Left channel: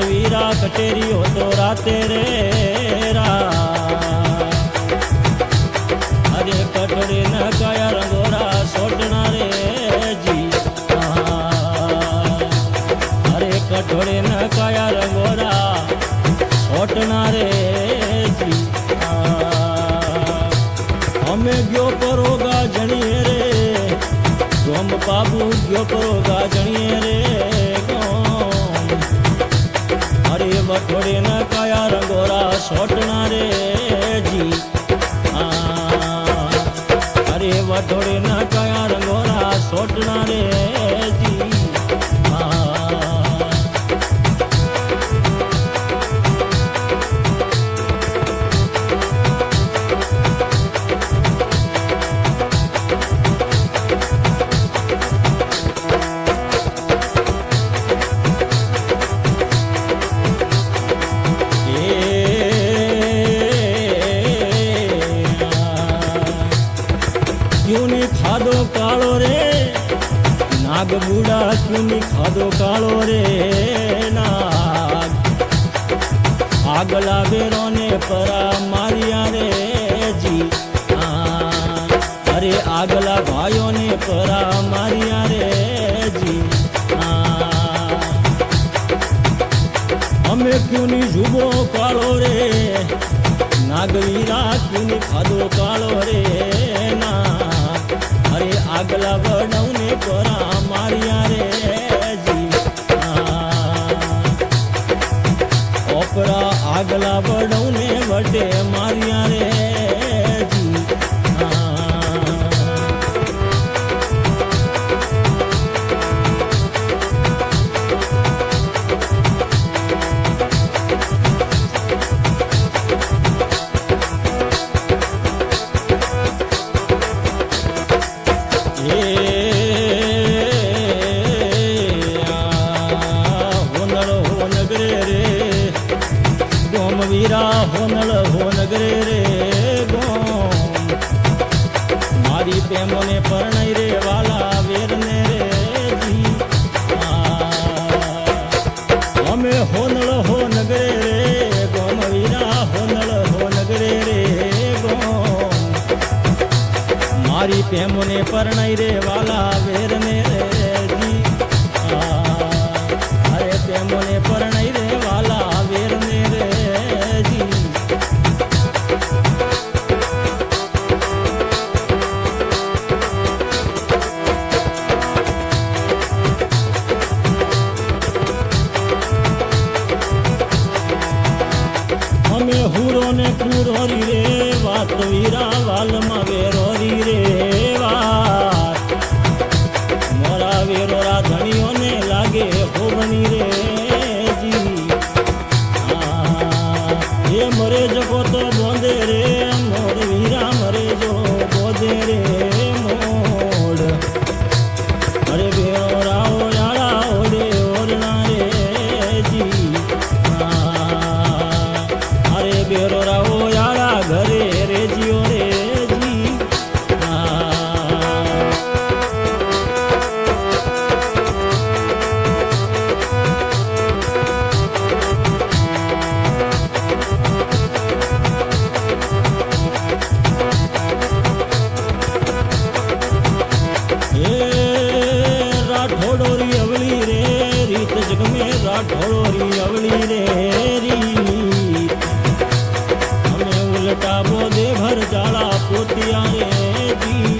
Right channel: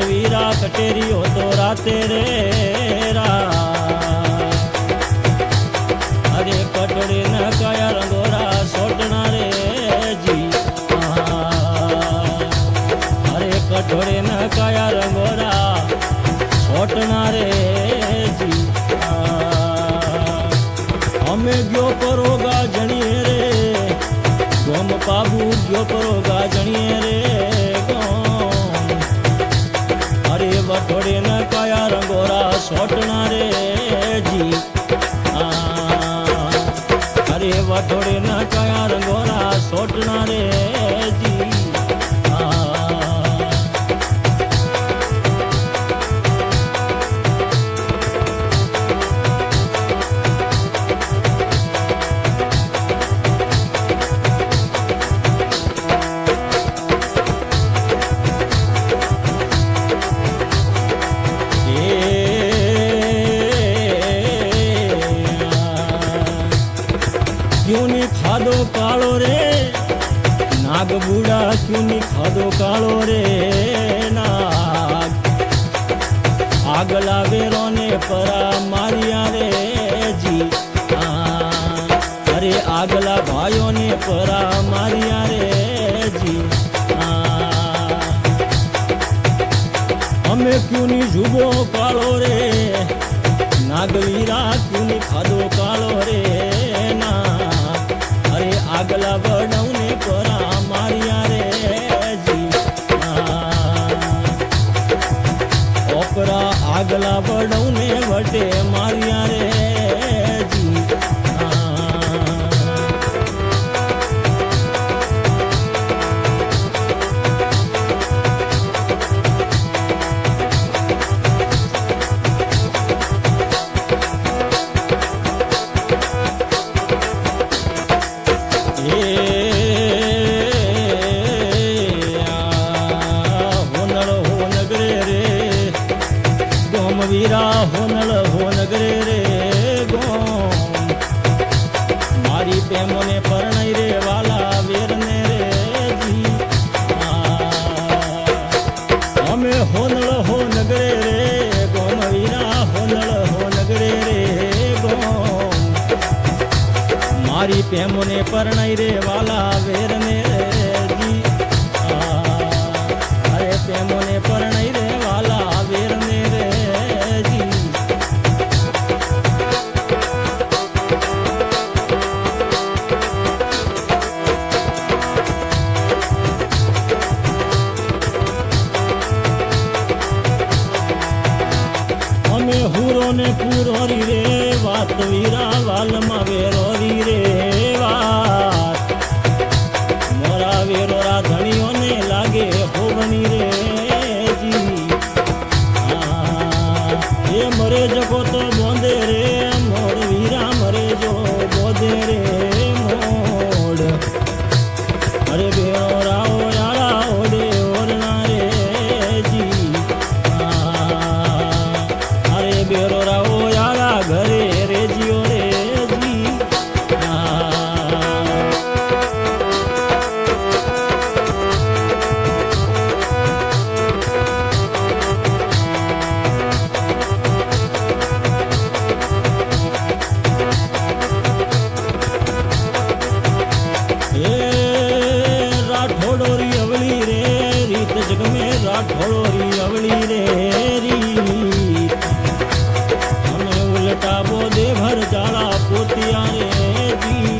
वटवीरा कटेरी हो तो राते रे अरे कटोरी न काया रंगोरा सोटना रे जी अरे कटोरी न काया रंगोरा सोटना रे जी हमें गयो परोगा जणिए रे गोम पाबू गयो परोगा जणिए रे गोम अरे वटोड़े न काया रंगोरा सोटना रे जी अरे वटोड़े न काया रंगोरा सोटना रे जी क्यों नहीं खादो कालो रे नाग बूढ़ा क्यों नहीं खादो कालो रे नाग आगला बेरो ने परा मारिया रे जी अरे आगला भाइयों ने परा मारिया रे जी हमें क्यों नहीं जुबो कालो रे नागवीरा क्यों नहीं खादो कालो रे नाग अरे आगला बड़ऊ ने परा मारिया रे जी ओपरा आगला बड़ऊ ने वटे मारिया रे जी वीरा होनल हो नगरे रे गोम मारी प्रेमो ने परणाई रे वाला वीर ने रे जी हमें होनल हो नगरे रे गोम वीरा होनल हो नगरे रे गोम मारी प्रेमो ने परणाई रे वाला वीर ने रे जी अरे प्रेमो ने परणाई रे वाला वीर ने रे जी हमें हुरो ने पूरोरी रे वात वीरा वाल मा वेरोरी रे वात मोरा वेरोरा धनियों ने लागे होवनी रे जी ये मरे जको तो बोंदे रे मोर वीरा मरे जो बोंदे रे मोड़ अरे बेराओ यारा ओडे ओरना रे जी अरे बेरोराओ यारा घरे रे जियो रे जी राठौड़ोरी अवली रे रीत जग में राठौड़ोरी अवली रे रीत हमें उल्टा बोदे भर जाला पोतिया रे जी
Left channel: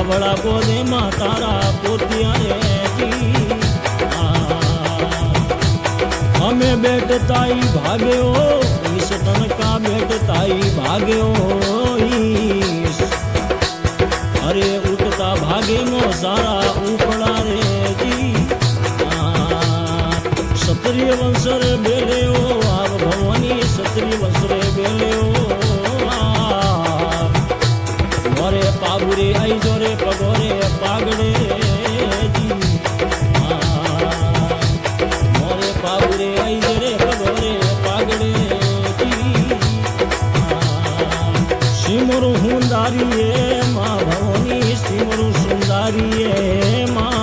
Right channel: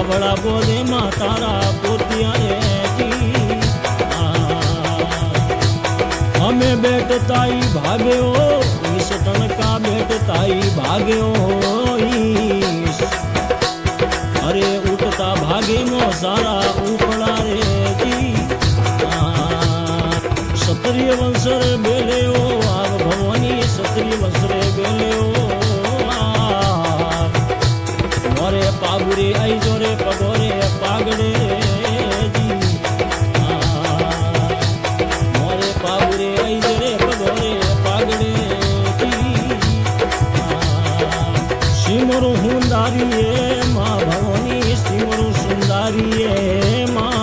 अबड़ा बोदे माँ तारा पोतिया रे जी हमें बेटताई भागे ओ इस तन का बेटताई भागे ओ अरे उठता भागे मो सारा उपड़ा रे जी क्षत्रिय वंश रे बेले ओ आव भवानी क्षत्रिय वंश रे बेले ओ मोरे पागुरे आई जोरे पगोरे पागड़े जी मोरे पागुरे आई जोरे पगोरे पागड़े जी सिमरु हुंदारी माँ भवानी सिमरु सुंदारी माँ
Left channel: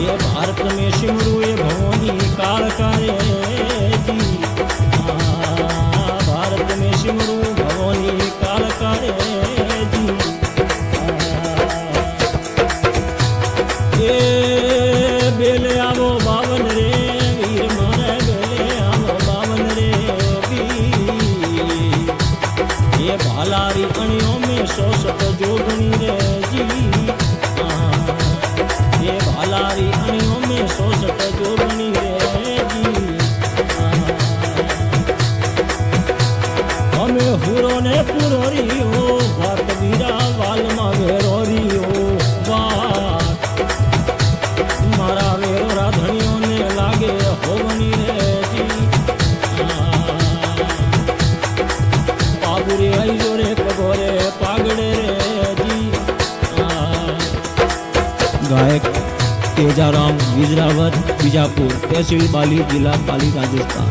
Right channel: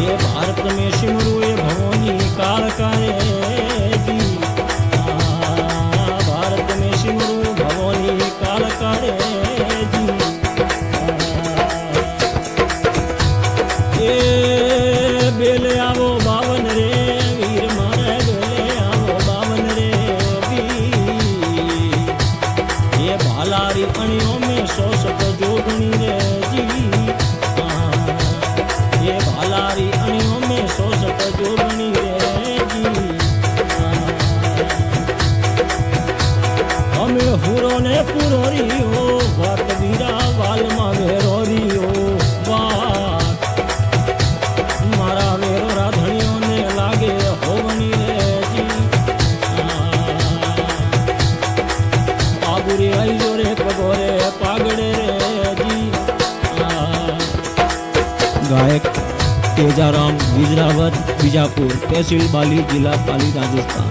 ये भारत में सिमरू ये भवनी काल करे जी भारत में सिमरू भवनी काल करे जी ये बेले आवो बावन रे वीर मारे बेले आवो बावन रे वीर ये भालारी अणियों में 100 जोगनी रे जी ये भालारी अणियों में 100 जोगनी रे जी અમે હુરો ને પુરોરીઓ વાત વીરા વાલમાં વેરોરીઓ વાત મારા વેરો રાધણીઓને લાગે હોવની રે જી પાગુરી આઈજો રે પગોરે પાગડે રે જી गायक तेजाराम विजरावत बीजापुर तहसील बाली जिला पाली राजस्थान।